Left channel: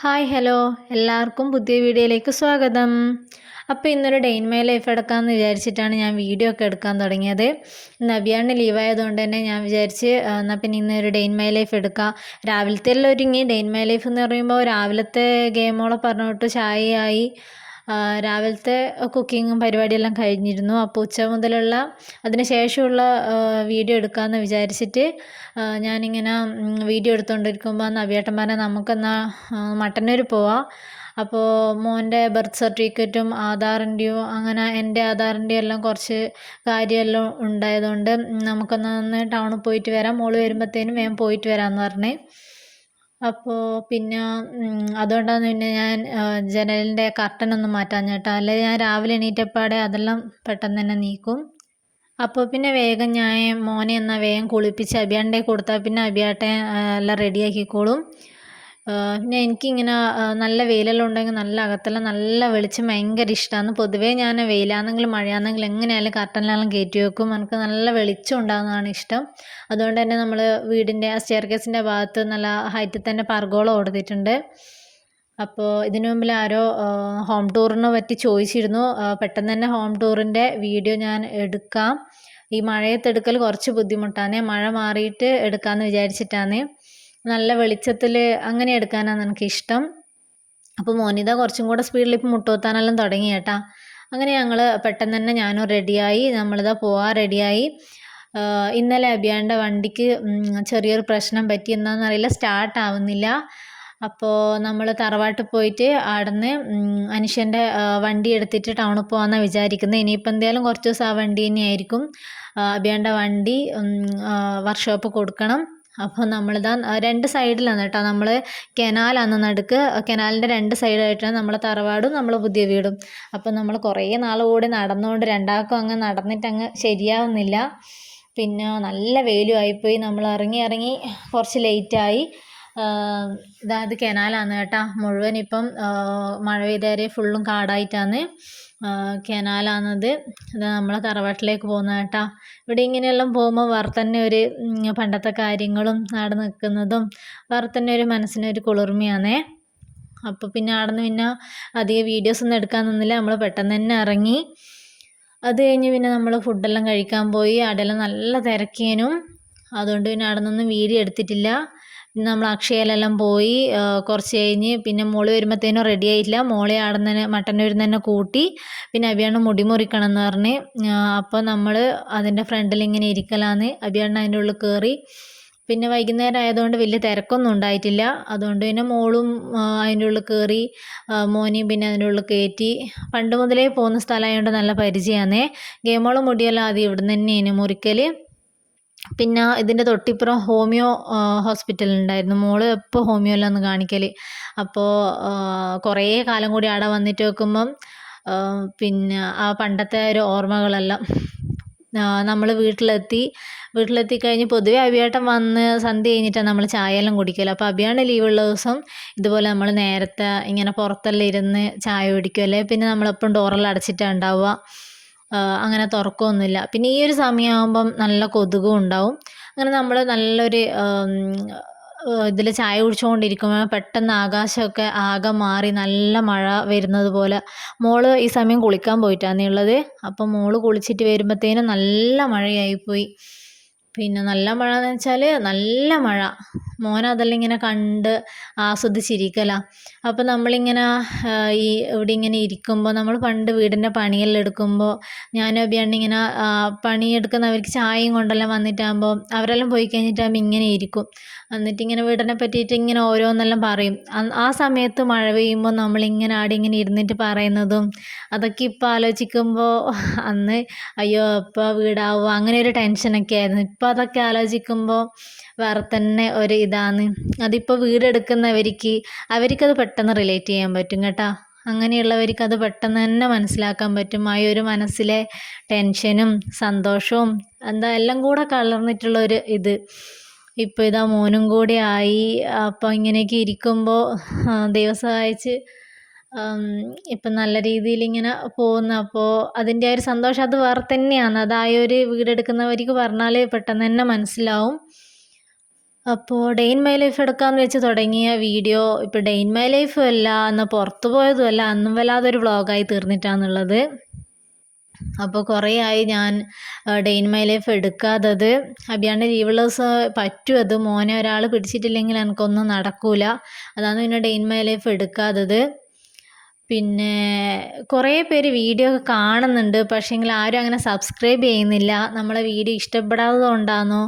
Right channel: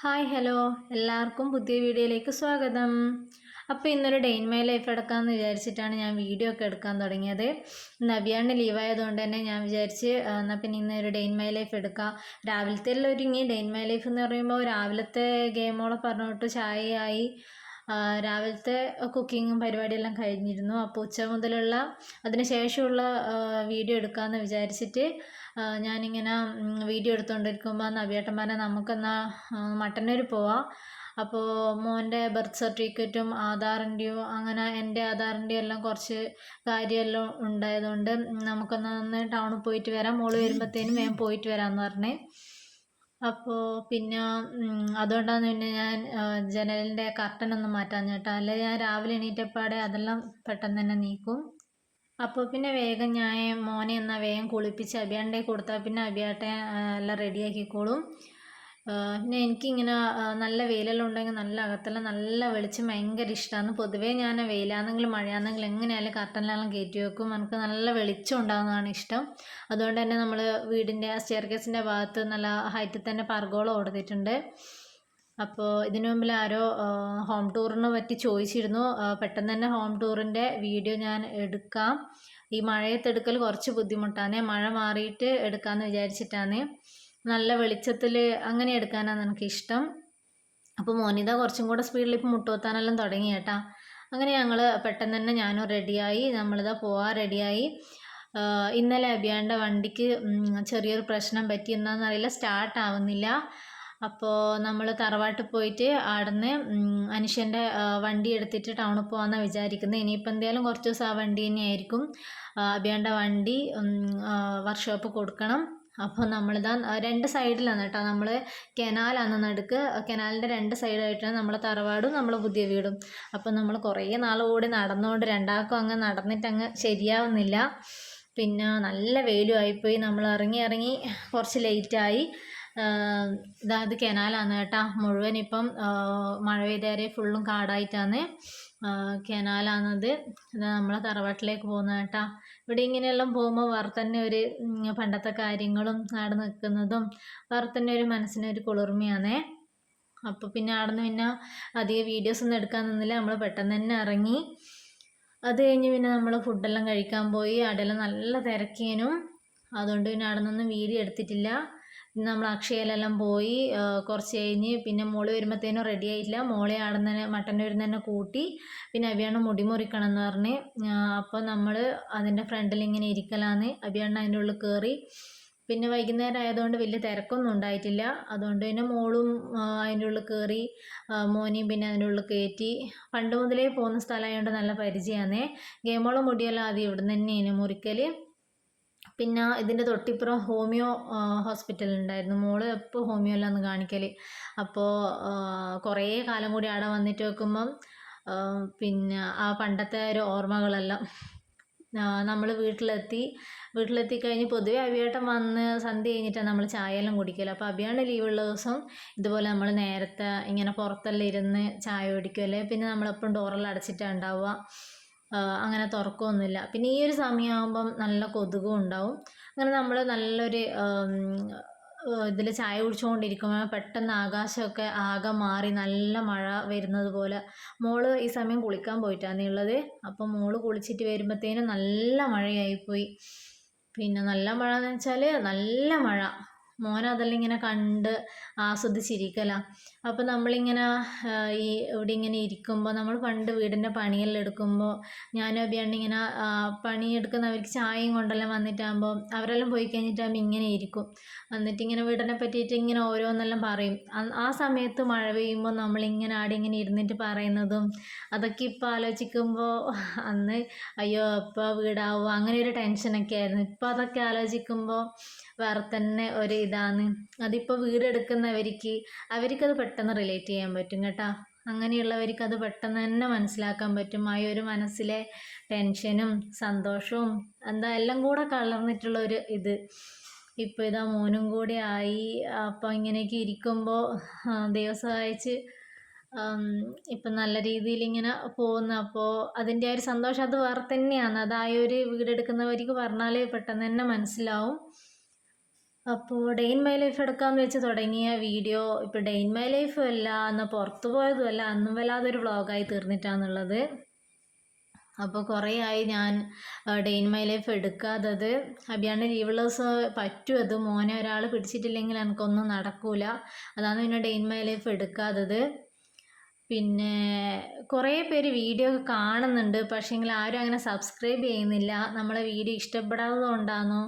Hi hello എല്ലാവർക്കും പുതിയ വീഡിയോയിലേക്ക് സ്വാഗതം. അപ്പോൾ ഇന്നൊരു ഡേ ഇൻ മൈ ലൈഫ് എടുക്കാമെന്ന് വിചാരിച്ചിട്ടാണ് ഞാൻ വീഡിയോ ഒക്കെ എടുക്കാൻ തുടങ്ങിയത്. നബിയാണ് ലീവായതുകൊണ്ട് തന്നെ ഞാൻ വിചാരിച്ച് എന്നാൽ പിന്നെ ഇന്നൊരു ഡേ ഇൻ മൈ ലൈഫ് എടുക്കാം. രാവിലത്തെ എല്ലാം ഒരുങ്ങി. ഡേ ഇൻ മൈ ലൈഫ് എന്ന് പറയുമ്പോൾ രാവിലത്തെ ഗെയിമോളെ പറഞ്ഞിട്ട് ചായയായി, രാവിലത്തെ കുക്കിങ്ങും പരിപാടിയെല്ലാം കഴിഞ്ഞിരുന്നു. അപ്പോൾ ഉച്ച മുതലുള്ള അതിന് ശേഷമുള്ള വീഡിയോ എടുക്കാമെന്ന് വിചാരിച്ചിട്ട് ഞാനിങ്ങനെ വീഡിയോ എടുത്തുകൊണ്ടിരിക്കുമ്പോൾ നവ്യേട്ടൻ പറഞ്ഞ നമുക്കെന്നാൽ മട്ടന്നൂർ പോവാം. അപ്പോൾ മോൻ്റെ ബർത്ത് സർട്ടിഫിക്കറ്റും ആധാറിൻ്റെയും അങ്ങനെ എൻ്റെ ആധാറിൻ്റെയും എല്ലാം കുറച്ച് കാര്യമെല്ലാം ഉണ്ടായതുകൊണ്ട് നമുക്കൊന്ന് ടൗണിൽ പോയിട്ട് വരാം, മോള് വരുമ്പോഴത്തേനും വേഗം പോയിട്ട് വരാമെന്ന് പറഞ്ഞ്. അപ്പോൾ പിന്നെ അതുകൊണ്ടാണ് പിന്നെ ഞാൻ ജനലിൻ്റെ കർട്ടനൊന്നും മാറ്റാൻ ചേട്ടാ, അല്ലെങ്കിൽ ഞാൻ രാവിലെ എണീറ്റപ്പാടെ അതെല്ലാം പെട്ടെന്ന് തന്നെ നീക്കും. അപ്പോൾ പിന്നെ വേഗം ഞാൻ മോനെ എന്നാൽ വേഗം കുളിപ്പിച്ച് അബിയാണ്ടെ കൊടുത്താൽ പിന്നെ അബിയാട്ടെ എല്ലാം റെഡിയാക്കിക്കോളും. പിന്നെ എനിക്കിങ്ങനെ നല്ല വെയിലെല്ലാം ഉണ്ടെങ്കിൽ നല്ല അകത്തെല്ലാം നല്ല വെളിച്ചം ഭയങ്കര ഇഷ്ടമാണ്. പൊതുവേ ഞാൻ വെയിലാണെങ്കിലും മഴയാണെങ്കിലും എങ്ങനെയായാലും കർട്ടനിലെല്ലാം കയറ്റി വെക്കും. എനിക്ക് നല്ല വെളിച്ചം ഉണ്ടാകുന്നതാണ് ഇഷ്ടം. അതുകൊണ്ട് തന്നെ നമ്മൾ വീടിൻ്റെ ആ സ്റ്റെയർ കേസിൻ്റെ ഭാഗത്ത് നല്ല ഹൈറ്റിൽ തന്നെ പർഗോള കൊടുത്തിട്ടുണ്ട്. അപ്പോൾ ഇതിനു മുമ്പിൽ ആരോ ഹോം ടൂറിനെ പറ്റി ചോദിച്ചിരുന്നു. പെട്ടെന്ന് തന്നെ ഹോം ടൂറിൻ്റെ വീഡിയോ ഞാൻ എടുക്കാം. ഈ മഴയത്ത് എടുക്കൽ കുറച്ച് ബുദ്ധിമുട്ടാണ്. മഴ മാറിയിട്ട് എടുക്കാമെന്ന് വിചാരിച്ചിട്ടാണ്. നല്ല വെളിച്ചത്തിൽ അങ്ങനെ എടുക്കാനാണ് എനിക്കിഷ്ടം. അപ്പോൾ മോനിത കുറച്ചും കൂടെ സ്പീഡിൽ ഇപ്പം മുട്ടുകുത്താനെല്ലാം തുടങ്ങി കേട്ടാ. അങ്ങനെ ഞങ്ങൾ പെട്ടെന്ന് തന്നെ ഞാനും റെഡിയായി, നമ്മളിതാ പോവാൻ റെഡിയായി. ഇന്നലെ അബിയാൻ്റെ വണ്ടിക്ക് ചെറിയൊരു പ്രശ്നം പറ്റി, എന്താണെന്നറിയില്ല, സ്റ്റാർട്ട് ആവുന്നില്ല. അപ്പോൾ നമ്മൾ തറവാട്ടിൽ പോയിട്ട് അവിടുന്ന് അനുഷ്യൻ്റെ വണ്ടി എടുത്തിട്ട് ടൗണിൽ പോകാമെന്നാണ് വിചാരിക്കുന്നത്. ഇനിയിപ്പോൾ എന്തായാലും കുറച്ച് ദിവസം ആ വണ്ടി തന്നെയായിരിക്കും. അബിയാൻ്റെ വണ്ടി വർക്ക്ഷോപ്പ് കൊടുക്കണം. അപ്പോൾ നമ്മളിതാ രണ്ട് സൈഡിലാണ് കേട്ടോ, നമ്മൾ കനാലാണ് നടുക്ക്, കനാലിൻ്റെ രണ്ട് സൈഡായിട്ടാണ് നമ്മളെ തറവാടും നമ്മളെ പുതിയ വീടും. അപ്പോൾ നമ്മൾ കുറേ നാൾ കൂടി നടന്നുകൊണ്ട് രണ്ടാൾക്കും അങ്ങ് നടന്നിട്ട് അങ്ങ് ശരിയാവുന്നില്ല. പിന്നെ നല്ല വെയിലും ആയിപ്പോയി. നമ്മൾ ഇറങ്ങി കുറച്ച് ലേറ്റായി. ഇത് കനാലാണ് കേട്ടോ, മുഴുവൻ ഇപ്പം മഴ പെയ്തേരെ ഫുള്ളും കാടായിട്ടാണ്. കനാലാണത്. ഇത് നമ്മളെ തറവാട്ടിലേക്ക് പോകുന്നത് കേട്ടോ. ഇവിടെ ഇങ്ങനെയെല്ലാം പോകുമ്പോൾ വേറെ തന്നെ ഒരു പണ്ടത്തെ കാര്യങ്ങളും അവിടെ നിൽക്കുന്നതും വേറെ തന്നെ ഒരു മനസ്സിനൊരു കുളിർമയാണേ. അപ്പോൾ പിന്നെ അവിടെ നിന്ന് പിന്നെ അധികം വീഡിയോസൊന്നും എടുക്കാൻ നിന്നില്ല, നമ്മൾ പെട്ടെന്ന് തന്നെ ഇറങ്ങി. അത് കഴിഞ്ഞ് പിന്നെ നമ്മൾ ഫുഡെല്ലാം കഴിക്കാൻ പോയി. അവിടെയെല്ലാം നല്ല തിരക്കിയനും, അതുകൊണ്ട് പിന്നെ അവിടെ നിന്നൊന്നും വീഡിയോ എടുത്തിട്ടില്ല. പിന്നെ നമ്മൾ അക്ഷയയിലെല്ലാം പോയി. കുറച്ച് കഴിഞ്ഞ് പിന്നെ മോള് വരുമ്പോഴത്തേനും റെഡി ആയിട്ടില്ല. മോളെ അവിടെ നിന്ന് തന്നെ മട്ടന്നൂരിൽ നിന്ന് തന്നെ കൂട്ടി. പിന്നെ അബിയാണ് മുടി മുറിക്കണം എന്ന് പറഞ്ഞ്. അപ്പോൾ നമ്മൾ അതിൻ്റെ ഫ്രണ്ടിൽ ഇങ്ങനെ ഇരിക്കലാന്ന്. അബിയാണ് അതിൻ്റെ ഉള്ളിൽ കയറി. പിന്നെ വൈകുന്നേരം ആയതുകൊണ്ട് വലിയ തിരക്കൊന്നും ഉണ്ടായിട്ടില്ല. അതുകൊണ്ട് പിന്നെ മോളും അതിൻ്റെ ഉള്ളിൽ കയറി, മോനെയും പിന്നെ അതിൻ്റെ ഉള്ളിൽ കയറ്റി. പണ്ട് മുതലേ പോകുന്ന സ്ഥലമായതുകൊണ്ട് നല്ല പരിചയമാണേ. ഗെയിമോളം മുടിയെല്ലാം ആദ്യം ഇവിടെ നിന്ന് തന്നെയാണ് മുറിക്കൽ. പിന്നെ ഇതിൻ്റെ തൊട്ടിപ്പുറം ഹോമിയോ ഹോസ്പിറ്റൽ ഉണ്ടായിരുന്നു. മോള് എപ്പോൾ ഹോമിയോയിലാണ് കാണിക്കൽ. അപ്പോൾ കുറേ കാലം കൂടി അവിടെ വന്നിട്ട് വെക്കുമ്പം പിന്നെ ആ പണ്ടത്തെ ഒരു ഓർമ്മകളെല്ലാം. നമ്മൾ വീട്ടിലെത്തി കഴിഞ്ഞ് പൊതുവെ അഭിയേട്ടൻ വന്ന് സന്ധ്യ കഴിഞ്ഞിട്ടാണ് നമ്മൾ ചായയെല്ലാം കുടിക്കൽ. അപ്പോൾ അഭിയാണ് ലീവുള്ള ദിവസം ഇതുപോലെ നമ്മൾ നേരത്തെ ഇങ്ങനെ പുറത്തെല്ലാം ഇരുന്ന് ചായ കുടിക്കും. അല്ലേ പിന്നെ നമ്മളെപ്പം ഡോറെല്ലാം അടച്ചിട്ടാണ് ഉണ്ടാവുക, അങ്ങനെ തുറക്കുകയൊന്നുമില്ല. പിന്നെ ഈ ഒരു സമയമാകുമ്പം നല്ല കൊതുകും ഉണ്ടാവും. അങ്ങനെ നമ്മൾ നല്ലൊരു ഇതിൽ ചായ കുടിച്ചുകൊണ്ടിരിക്കുമ്പോൾ പെട്ടെന്ന് ആകാശമൊക്കെ ആകെ മാറി നല്ല മഴ വരുന്നത് പോലെ. മോള് ഈ സമയം കുളിക്കാൻ പോയിട്ടാണ് ഉള്ളത്. അപ്പം മോള് കുളിച്ചിട്ട് വരുമ്പോഴത്തേനും നല്ല മഴയായിപ്പോയി. പിന്നെ നല്ല മഴ എന്ന് വെച്ചാൽ നല്ല മഴ. മോനതെല്ലാം ഇങ്ങനെ കണ്ട് ആസ്വദിച്ചിരിക്കലാണ്. അപ്പോൾ നമ്മളിങ്ങനെ ഇവിടെ ഇങ്ങനെ ഇരിക്കുമ്പോൾ, നമ്മൾ പണ്ട് വീടിൻ്റെ പണിയെല്ലാം എടുക്കുമ്പോൾ ഞാനും അബിയാണ് ഇങ്ങനെ പണിയെടുക്കുന്നവർക്ക് ചായയും കൊണ്ടെല്ലാം വന്നിട്ടാകുമ്പോൾ അവരെല്ലാം പോയി കഴിഞ്ഞിട്ടാകുമ്പോൾ ഇങ്ങനെ ഇരിക്കും. എന്നിട്ടിങ്ങനെ വീടിനെ പറ്റിയിട്ട് ഇങ്ങനെ ഓരോന്നെല്ലാം പറയും. ആ സമയത്ത് മഴ പെയ്യുമ്പോൾ നമ്മളിങ്ങനെ ആടെ ഇങ്ങനെ ഇരുന്നിട്ട് പറയുന്നതും അതൊക്കെ ഇപ്പോൾ ആലോചിക്കുമ്പോൾ അന്ന് അയ്യോ ഇപ്പോൾ വീടാവുക അങ്ങനെ ഒരു ടെൻഷനൊക്കെ ആയിരുന്നു. ഇപ്പോൾ അതൊക്കെ ആലോചിക്കുമ്പോൾ വേറെ തന്നെ ഒരു ഇതാണ്. അതിപ്പോൾ അവർക്കത് പെട്ടെന്ന് റിലേറ്റ് ചെയ്യാൻ പറ്റും കേട്ടോ. അങ്ങനെയുള്ളവർക്ക് അത് പെട്ടെന്ന് തന്നെ മനസ്സിലാക്കാൻ പറ്റും. ആ ഒരു മനസ്സിലെ ടെൻഷനും സന്തോഷവും എല്ലാം കൂടെ കലർന്നിട്ടുള്ള ഒരു ഇത്. ഇപ്പോൾ ഇതാ മോനും കൂടി ആയി. അപ്പോൾ ഇങ്ങനെയൊക്കെ ഇരിക്കുമ്പോൾ ദൈവം സഹായിച്ച് ഇപ്പം നല്ല രീതിയിൽ ഇങ്ങനെ പോകുന്നു. അപ്പോൾ അതിൻ്റെ ആ ഒരു സന്തോഷം അത് വേറെ തന്നെയാണ്. അത് ആ ഒരു വീടെടുക്കുന്നവർക്ക് പറഞ്ഞാൽ പെട്ടെന്ന് തന്നെ മനസ്സിലാവും. അപ്പോൾ ഡേ ഇൻ മൈ ലൈഫ് എടുക്കാമെന്ന് വെച്ച് തുടങ്ങിയ വീഡിയോ ഇപ്പോൾ ഡേ ഇൻ മൈ ലൈഫും അല്ല, അന്ന് പുറത്തു പോയതും അല്ല, അന്നും വല്ലാതൊരു വ്ളോഗായി തീർന്നിട്ടാണുള്ളത്. അപ്പോൾ കുറേ ആയി ഞാൻ ഡേ ഇൻ മൈ ലൈഫ് എടുക്കാത്തത്. അബിയാണ്ട് ലീവുള്ള ദിവസം പറ്റും, അത് മോനെ ഒരാൾ പിടിച്ചിട്ടില്ലെങ്കിൽ എനിക്കൊന്നും നടക്കൂല. അതാണ് പിന്നെ ഡേ ഇൻ മൈ ലൈഫ് എടുക്കാത്തത്. പിന്നെ കുറേ പേര് വീഡിയോ ഒക്കെ കാണുന്നുണ്ട്, പക്ഷേങ്കിൽ ആരും അങ്ങനെ സബ്സ്ക്രൈബ് ചെയ്യുന്നില്ല. നമ്മളെ വീഡിയോ ഇഷ്ടപ്പെടാത്തത് കൊണ്ടാണോ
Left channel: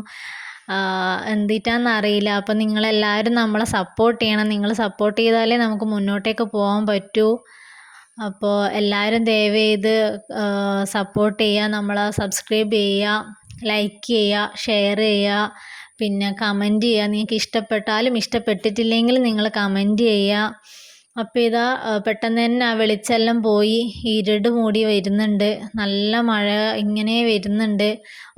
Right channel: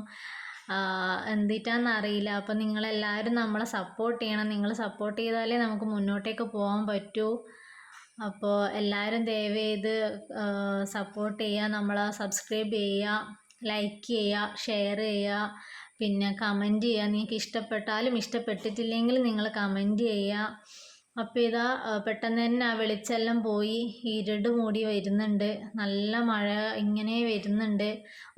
എന്തിട്ടാന്ന് അറിയില്ല. അപ്പം നിങ്ങളെല്ലാവരും നമ്മളെ സപ്പോർട്ട് ചെയ്യണം. നിങ്ങൾ സപ്പോർട്ട് ചെയ്താലേ നമുക്ക് മുന്നോട്ടേക്ക് പോകാൻ പറ്റൂ. അപ്പോൾ എല്ലാവരും ദയവ് ചെയ്ത് സപ്പോർട്ട് ചെയ്യുക, നമ്മളെ സബ്സ്ക്രൈബ് ചെയ്യുക, ലൈക്ക് ചെയ്യുക, ഷെയർ ചെയ്യുക, പിന്നെ കമൻറ്റ് ചെയ്യുക. നിങ്ങൾക്ക് ഇഷ്ടപ്പെട്ടാലും ഇഷ്ടപ്പെട്ടിട്ടില്ലെങ്കിലും നിങ്ങൾ കമൻറ്റ് ചെയ്യുക. അപ്പോൾ ഇതാ പെട്ടെന്ന് തന്നെ ആ വെളിച്ചെല്ലാം പോയി, ഇരുട് മൂടി വരുന്നുണ്ട്, നല്ല മഴ ഇങ്ങനെ വരുന്നുണ്ട്.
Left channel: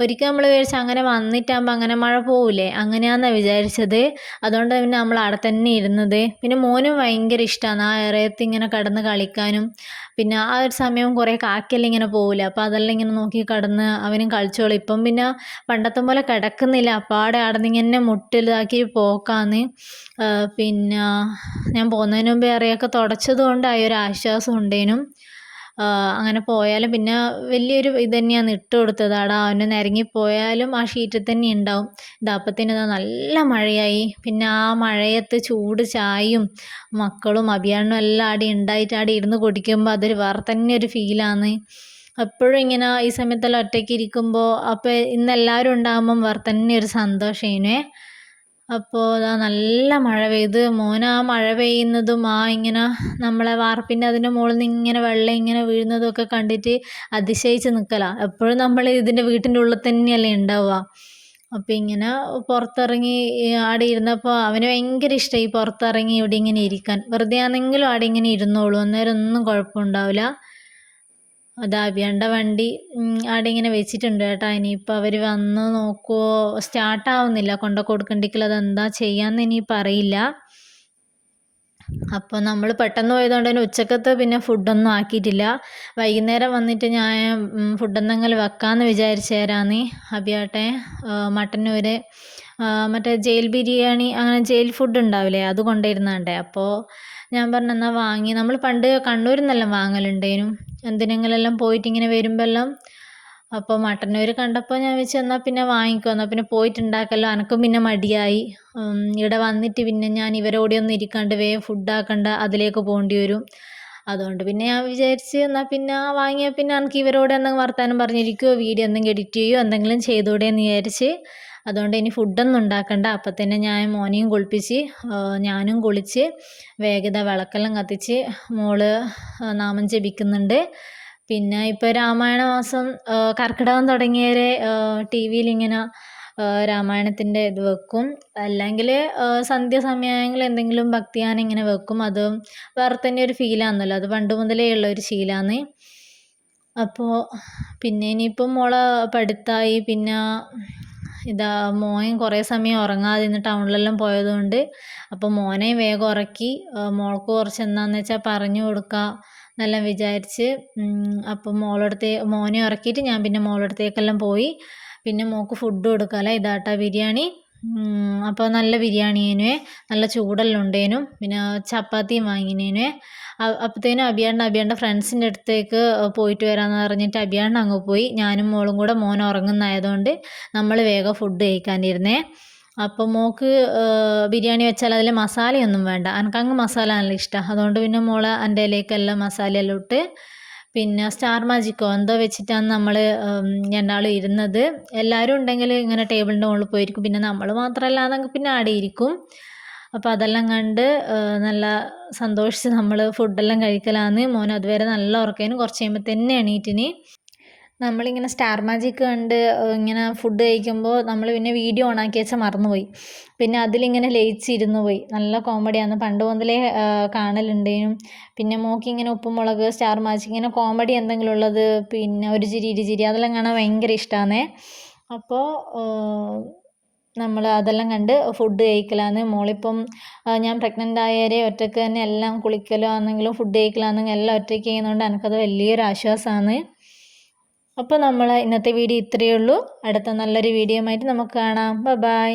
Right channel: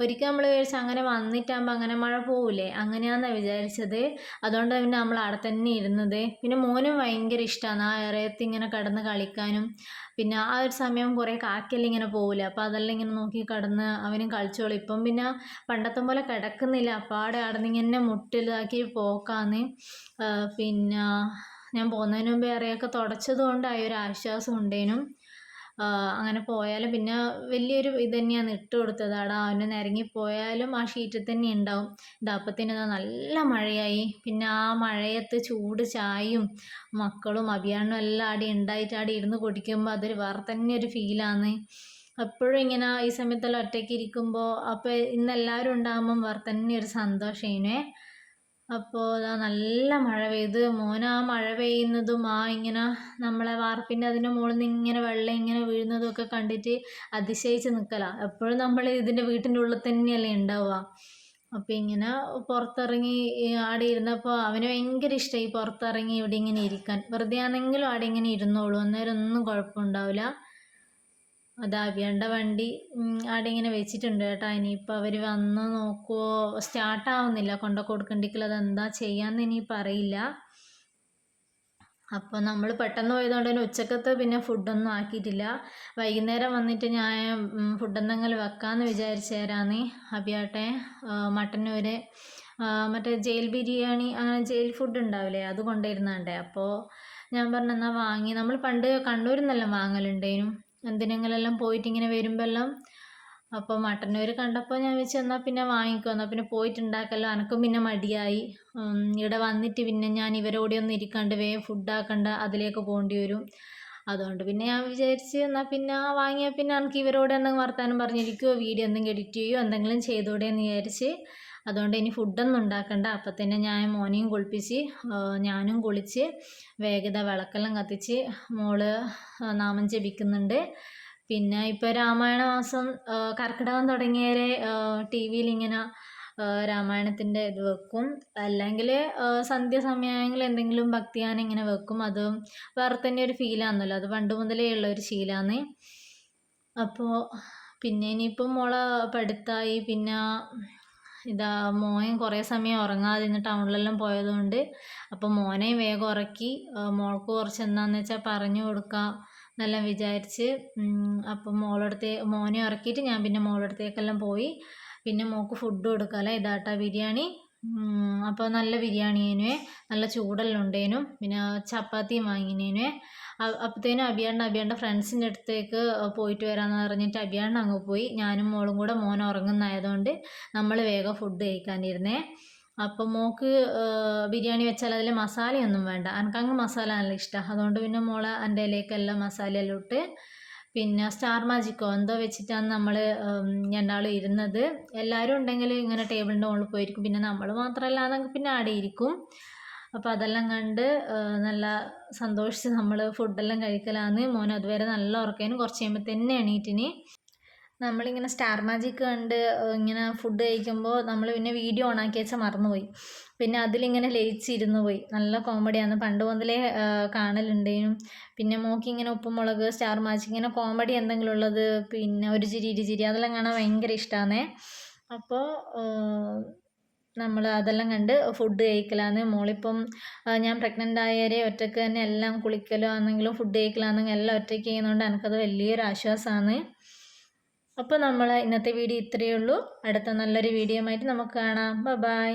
ഒരിക്കൽ നമ്മൾ വിചാരിച്ചു അങ്ങനെ വന്നിട്ടാകുമ്പോൾ അങ്ങനെ മഴ പോവില്ലേ, അങ്ങനെയാണെന്നാണ് വിചാരിച്ചത്. അതുകൊണ്ട് പിന്നെ നമ്മൾ അവിടെ തന്നെ ഇരുന്നത്. പിന്നെ മോനും ഭയങ്കര ഇഷ്ടമാണ് ആ ഇറയത്ത് ഇങ്ങനെ കിടന്ന് കളിക്കാനും. പിന്നെ ആ ഒരു സമയം കുറേ കാക്കെല്ലാം ഇങ്ങനെ പോവില്ല, അപ്പോൾ അതെല്ലാം ഇങ്ങനെ നോക്കി കിടന്ന് അവനും കളിച്ചോളും. ഇപ്പം പിന്നെ പണ്ടത്തെ പോലെ കിടക്കുന്നില്ല, അപ്പാടെ അവിടെ നിന്ന് ഇങ്ങനെ മുട്ടിലാക്കി പോക്കാന്ന്. പിന്നെ ഞാൻ പോകുന്നതിന് മുമ്പേ ഇറയൊക്കെ തുടച്ചത് കൊണ്ടായി ഒരു ആശ്വാസം ഉണ്ടേനും. അങ്ങനെ പോയാലും പിന്നെ വലിയൊരു ഇത് തന്നെയാണ് ഇട്ട് കൊടുത്തത്. അവിടെ അവന് നിരങ്ങിപ്പോയാലും ആ ഷീറ്റിൽ തന്നെ ഉണ്ടാവും. ഇതപ്പത്തിന് നല്ല മഴയായി. പിന്നെ ആ മഴയത്ത് ചൂട് ചായയും മക്കളും അഭിയാണ്ണും എല്ലാം അവിടെ ഉണ്ടായിട്ട് അവിടെ ഇരുന്ന് കുടിക്കുമ്പോൾ അതൊരു വേറെ തന്നെ ഒരു ഫീലാണ്. എപ്പോഴും ഇങ്ങനെ ഈ സമയത്തെല്ലാം ഒറ്റയ്ക്ക് ഇരിക്കുമ്പോൾ അപ്പോൾ ഇന്ന് എല്ലാവരും ഉണ്ടാകുമ്പം വേറെ തന്നെ ഒരു സന്തോഷേനെ. അപ്പോൾ അതാ നല്ല മഴ പെയ്ത്. മോൻ ആ മഴ പെയ്യുന്നതും ആ ഇങ്ങനെ നമ്മളെ വാർപ്പിൻ്റെ അതിൻ്റെ മുകളിൽ നിന്ന് ഇങ്ങനെ വെള്ളം ഇങ്ങനെ വീഴുന്നതും ഒക്കെ കണ്ടിട്ട് അതിശയിച്ച് നിൽക്കലാണ്. എപ്പോഴും നമ്മൾ ഇതിൻ്റെ വീട്ടിൻ്റെ ഉള്ളിൽ തന്നെയല്ലേ ഉണ്ടാവുക. അപ്പോൾ ഇങ്ങനെ പുറത്തിറങ്ങി അവിടെ ഇരുന്നപ്പോൾ അവന് ഭയങ്കര ഇഷ്ടമായി പുറത്തിറങ്ങി ഇവിടെ ഇങ്ങനെ ഇരിക്കാൻ. വെറുതെ ആണെങ്കിലും അവിടെ ഇങ്ങനെ ഇരുന്നോളൂ, അന്നേരം ഒന്നും കുഴപ്പമുണ്ടാവില്ല. അതാ അബിയാണ്ട വണ്ടി അവിടെ ഇങ്ങനെ വെച്ചിട്ടുണ്ട് കേട്ടോ. ഇനിയിപ്പോൾ അവർ വന്ന് നോക്കുമോ, സ്റ്റാർട്ടാവുന്നില്ല, കൊണ്ട് കൊടുക്കണ്ടെങ്കിൽ അതെന്താ ചെയ്യാമെന്ന് ഇനിയിപ്പോൾ അറിയില്ല. അപ്പോൾ നമ്മൾ പെട്ടെന്ന് പോയതുകൊണ്ട് തന്നെ ഉച്ചക്കത്തെ പിന്നെ ഫുഡൊന്നും ആക്കിയിട്ടില്ല. വൈകുന്നേരം വന്നിട്ട് ഞാൻ ഫുഡ് എന്തെങ്കിലും വെക്കാമെന്ന് വിചാരിച്ചേരാന്ന്. അബിയാട്ടെ മട്ടന്നൂർ മറ്റേ ജയിൽ ബിരിയാണി അങ്ങനെ ജയിൽ ഫുഡ് ഉണ്ടാവില്ലേ, അത് കൊണ്ടുവരുന്നുണ്ടേ. അപ്പോൾ ഞാൻ പറഞ്ഞു എന്നാൽ വാങ്ങി, നമ്മൾ പണ്ട് കണ്ണൂരിൽ നിന്നെല്ലാം വാങ്ങലുണ്ടേനും എന്തിനെങ്കിലെല്ലാം പോയിട്ട് ഇങ്ങനെ വരുമ്പോഴെല്ലാം. അപ്പോൾ മട്ടന്നൂർ കണ്ടപ്പോൾ ഞാൻ വെച്ച് എന്നാൽ പിന്നെ വാങ്ങിക്കോ, എന്നാൽ പിന്നെ പോയിട്ടുണ്ടാക്കല്ലോ. എനക്കും പിന്നെ മടിയായി. ഇവിടെ വന്നിട്ട് പിന്നെ ഞാൻ ഇവരോടെയൊന്നും ഇരിക്കാണ്ട് വേഗം ഫുഡാക്കണ്ട, അതിലേക്ക് പോകേണ്ടി വരും. അതുകൊണ്ട് പിന്നെ ഞാൻ വിചാരിച്ച് എന്നാൽ പിന്നെ വാങ്ങിയാൽ പിന്നെ എനിക്ക് ഇവരോട് എന്തെങ്കിലും വർത്താനം പറഞ്ഞിരിക്കുമോ, വീഡിയോ എന്തെങ്കിലും എഡിറ്റ് ചെയ്യുമോ എന്തെങ്കിലും ചെയ്തുകൂടെ എന്ന് വിചാരിച്ച്. അതുകൊണ്ട് ഇനി ഫുഡൊന്നും ഉണ്ടാക്കണ്ട. അപ്പം തന്നെ ഞാൻ മോനെയും കുളിപ്പിച്ച് ഞാനും കുളിച്ച് വേഗത വിളക്കെല്ലാം കത്തിച്ച് മോള് നാമം ജപിക്കുന്നുണ്ട്. പിന്നെ ഇപ്പോൾ രാമായണ മാസം കർക്കിടകം തുടങ്ങിയവരെ ടി വിയിൽ ഇങ്ങനെ രാമായണത്തിൻ്റെ ഇത് വെക്കും. അല്ലെങ്കിൽ സന്ധ്യാസമയങ്ങളിൽ എന്തെങ്കിലും ഭക്തിഗാനം ഇങ്ങനെ വെക്കും. അതും വേറെ തന്നെ ഒരു ഫീലാണല്ലോ, അത് പണ്ട് മുതലേ ഉള്ള ഒരു ശീലമാണ്. അപ്പോൾ പിന്നെ ഇനിയിപ്പം മോളെ പഠിത്തമായി. പിന്നെ ഇതാ മോൻ കുറേ സമയം ഉറങ്ങാതെ ഇന്ന് ടൗണിലെല്ലാം പോയതുകൊണ്ട് അപ്പോൾ മോനെ വേഗം ഉറക്കി. മോൾക്ക് കുറച്ച് എന്താണെന്ന് വെച്ചാൽ പറഞ്ഞു കൊടുക്കാം എന്നെല്ലാം വിചാരിച്ച്. അപ്പം മോനെ ഉറക്കിയിട്ട് ഞാൻ പിന്നെ മോളടുത്തേക്കെല്ലാം പോയി. പിന്നെ മോൾക്ക് ഫുഡ് കൊടുക്കാമല്ലോ, ഇതാട്ടാ ബിരിയാണി. അപ്പോൾ നല്ല ബിരിയാണിയേനുവേ, നല്ല ചൂടെല്ലാം ഉണ്ടേനും. പിന്നെ ചപ്പാത്തിയും വാങ്ങിനേനുവേ. അപ്പോഴത്തേനും അബിയാണ്ട ഫ്രണ്ട്സിൻ്റെ അടുത്തേക്ക് പോയിട്ട് വരാമെന്ന് പറഞ്ഞിട്ട് അബിയാണ്ട അങ്ങ് പോയി. ഞാനും മോളും കൂടെ മോൻ ഉറങ്ങുന്നതായതുകൊണ്ട് നമ്മൾ വേഗം ഫുഡ് കഴിക്കാനിരുന്നേ. അപ്പോൾ മോൾക്ക് ബിരിയാണി വെച്ചാൽ അതിൽ മസാലയൊന്നും വേണ്ട, എനിക്കങ്ങ് മസാല നല്ല ഇഷ്ടമാണ്. അതുകൊണ്ട് പിന്നെ മോള് എൻ്റെ ഇലയ്ക്കെല്ലാം മസാലയെല്ലാം ഇട്ട് പിന്നെ സ്റ്റാർ മാജിക്കോ എന്തോ വെച്ചിട്ടാണ് നമ്മൾ രണ്ടാളും ഇരുന്നത്. എല്ലാവരും ഉണ്ടെങ്കിൽ ഇങ്ങനെ ടേബിളിൻ്റെ മുകളിൽ പോയിരിക്കും, പിന്നെ നമ്മൾ മാത്രമല്ലാതെങ്കിൽ പിന്നെ ആടെ ഇരിക്കും. അപ്പോൾ അതെല്ലാം കണ്ട് നല്ല സന്തോഷിച്ച് നമ്മൾ ഫുഡെല്ലാം കഴിക്കലാന്ന്. മോൻ അതുവരെ നല്ല ഉറക്കേനും കുറച്ച് കഴിയുമ്പോൾ തന്നെ എണീറ്റിന്. നമ്മളിങ്ങനെ സ്റ്റാർ മാജിക് കണ്ട് ഇങ്ങനെ ഫുഡ് കഴിക്കുമ്പോൾ നമ്മൾ പിന്നെ വീഡിയോ ഓണാക്കി വെച്ചാൽ മറന്നുപോയി. പിന്നെ അതിലിങ്ങനെ ലയിച്ചിരുന്നു പോയി. നല്ല കോമഡിയാണ്, പണ്ട് മുതലേ കാണലുണ്ടേനും. പിന്നെ മോക്കിങ്ങനെ ഉപ്പും മുളക് സ്റ്റാർ മാജിക് ഇങ്ങനെ കോമഡി എന്തെങ്കിലും ഉള്ളത്, പിന്നെ ഒരു ചിരി ഇരുചിരി അതെല്ലാം കാണാൻ ഭയങ്കര ഇഷ്ടമാണ്. അപ്പോൾ നമ്മൾ അതെല്ലാം കണ്ട് ഫുഡ് കഴിക്കലാന്ന്. മോളിപ്പം ഞാൻ പ്രഗ്നൻ്റ് ആയവരെ ഒറ്റയ്ക്ക് തന്നെ എല്ലാം കുളിക്കലോ ആണെങ്കിലും ഫുഡ് കഴിക്കലാണെങ്കിലും എല്ലാം ഒറ്റയ്ക്ക് ചെയ്യുന്നതുകൊണ്ട് എനിക്കത് വലിയൊരു ആശ്വാസമാണ്. അപ്പോൾ നമ്മൾ ഇന്നത്തെ വീഡിയോ ഇത്രയേ ഉള്ളൂ. അടുത്ത നല്ലൊരു വീഡിയോ ആയിട്ട് നമുക്ക് കാണാം. ബൈ.